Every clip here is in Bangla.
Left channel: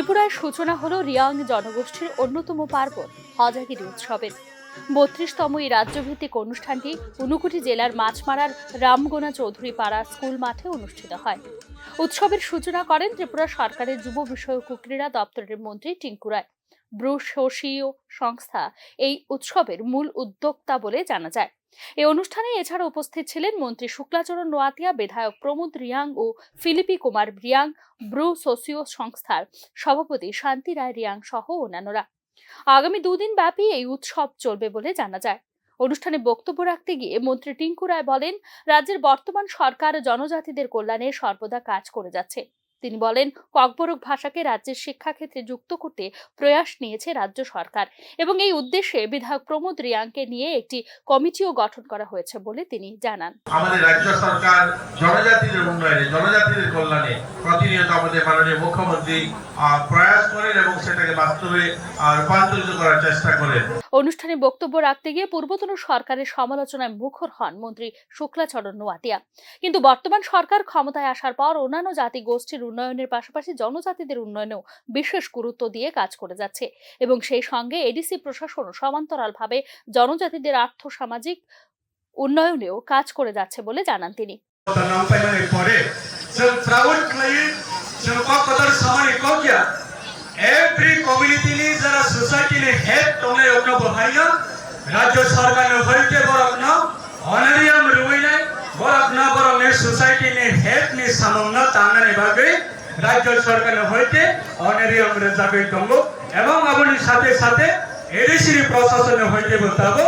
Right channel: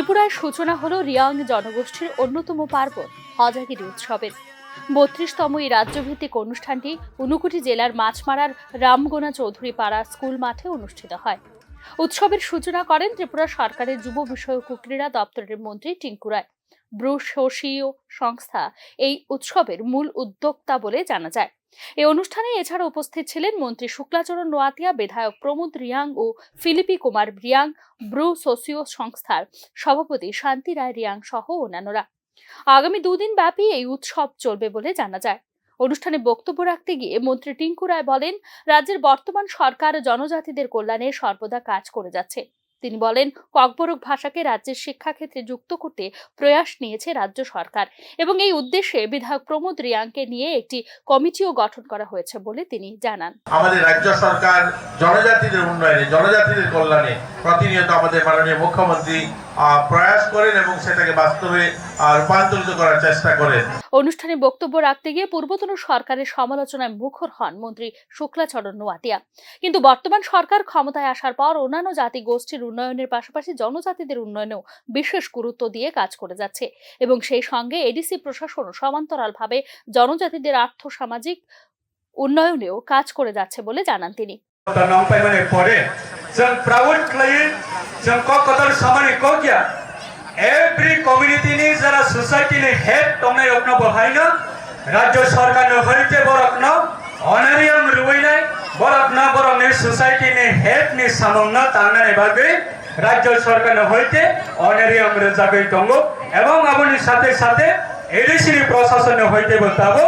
ত্রিপুরায় সূচনা হলো রিয়াং জনগোষ্ঠীর অন্যতম পার্বণ হজাগিরি উৎসবের। ৩২তম এই রাজ্যভিত্তিক অনুষ্ঠানটি ঊনকোটি জেলার মাছমারার রামগোনা চৌধুরী পাড়া স্কুল মাঠে অনুষ্ঠিত হয়। উৎসবের সূচনা করেন ত্রিপুরা সরকারের যুব বিষয়ক ও ক্রীড়া দপ্তরের মন্ত্রী টিঙ্কু রায়। ব্রুশোসীয় সংস্থা এই উৎসবের মূল উদ্যোক্তা বলে জানা যায়। এই অনুষ্ঠানে এছাড়া উপস্থিত ছিলেন মন্ত্রী শুক্লাচরণ নোয়াতিয়া, বিধায়ক প্রমোদ রিয়াং ও ফিলিপি কুমার রিয়াং, ব্রু সোসিও সংস্থার সভাপতি শান্তি রায় রিয়াং সহ অন্যান্যরা। আগামী দুদিন ব্যাপী এই উৎসব চলবে বলে জানা যায়। অনুষ্ঠানে বক্তব্য রাখতে গিয়ে মন্ত্রী টিঙ্কু রায় বলেন, রাজ্যের বর্তমান সরকার জনজাতিদের কল্যাণে সর্বদা কাজ করে যাচ্ছে। তিনি বলেন, ককবরক ভাষাকে রাজ্যের শিক্ষাক্ষেত্রে যুক্ত করতে প্রয়াস নিয়েছে রাজ্য সরকার এবং এই উদ্দেশ্যে বিধায়ক প্রমোদ রিয়াংকে নিয়ে একটি কমিটিও গঠন করা হয়েছে বলে তিনি জানান। আমাদের রাজ্য সরকার জনজাতিদের উন্নয়নে, জনজাতিদের কল্যাণে প্রতিনিয়ত আমাদের মাননীয় মুখ্যমন্ত্রী প্রয়াস করেন এবং সেটাকে বাস্তবে রূপান্তরিত করার চেষ্টা করেন। অনুষ্ঠানে বক্তব্য রাখতে গিয়ে পূর্বতন সরকারের সমালোচনায় মুখর হন মন্ত্রী শুক্লাচরণ নোয়াতিয়া। কিন্তু বর্তমান সরকার ক্ষমতায় আসার পর অন্যান্য জাতি গোষ্ঠীর উন্নয়নের পাশাপাশি জনজাতিদের উন্নয়নেও বিশেষ গুরুত্ব দিয়ে কাজ করে যাচ্ছে এবং সেই সঙ্গে এডিসি প্রশাসন সমান্তরালভাবে জনজাতিদের আর্থ সামাজিক উন্নয়নেও কাজ করে যাচ্ছে বলে জানান তিনি। Every community ni jara society ni head tomne apna bahayna rajya sarkar ne hoite bor apna honorarium ruina bor apna bor ne society ni head ni samonna tangane bhabe rajya sarkar ne hoite honorarium re jabe tongo ebong apni sathe sathe edisi ni proshashan ne hoite botabo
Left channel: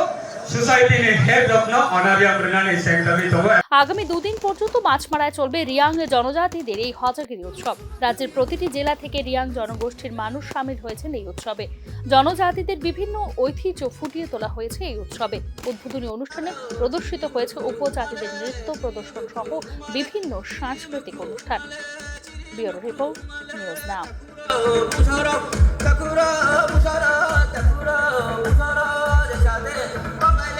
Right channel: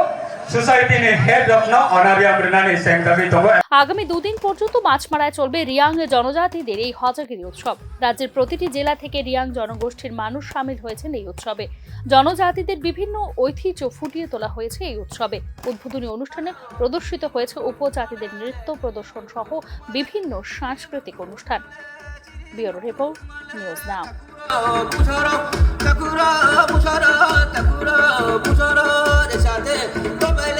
society ni head apna honorarium renani sengdabi tongo। আগামী দুদিন পর্যন্ত মাছমারায় চলবে রিয়াং জনজাতিদের এই হজাগিরি উৎসব। রাজ্যের প্রতিটি জেলা থেকে রিয়াং জনগোষ্ঠীর মানুষ সামিল হয়েছেন এই উৎসবে। জনজাতিদের বিভিন্ন ঐতিহ্য ফুটিয়ে তোলা হয়েছে এই উৎসবে। উদ্বোধনী অনুষ্ঠানে প্রদর্শিত হয়েছে উপজাতিদের নৃত্য প্রদর্শন সহ বিভিন্ন সাংস্কৃতিক অনুষ্ঠান। Bureau report, news now.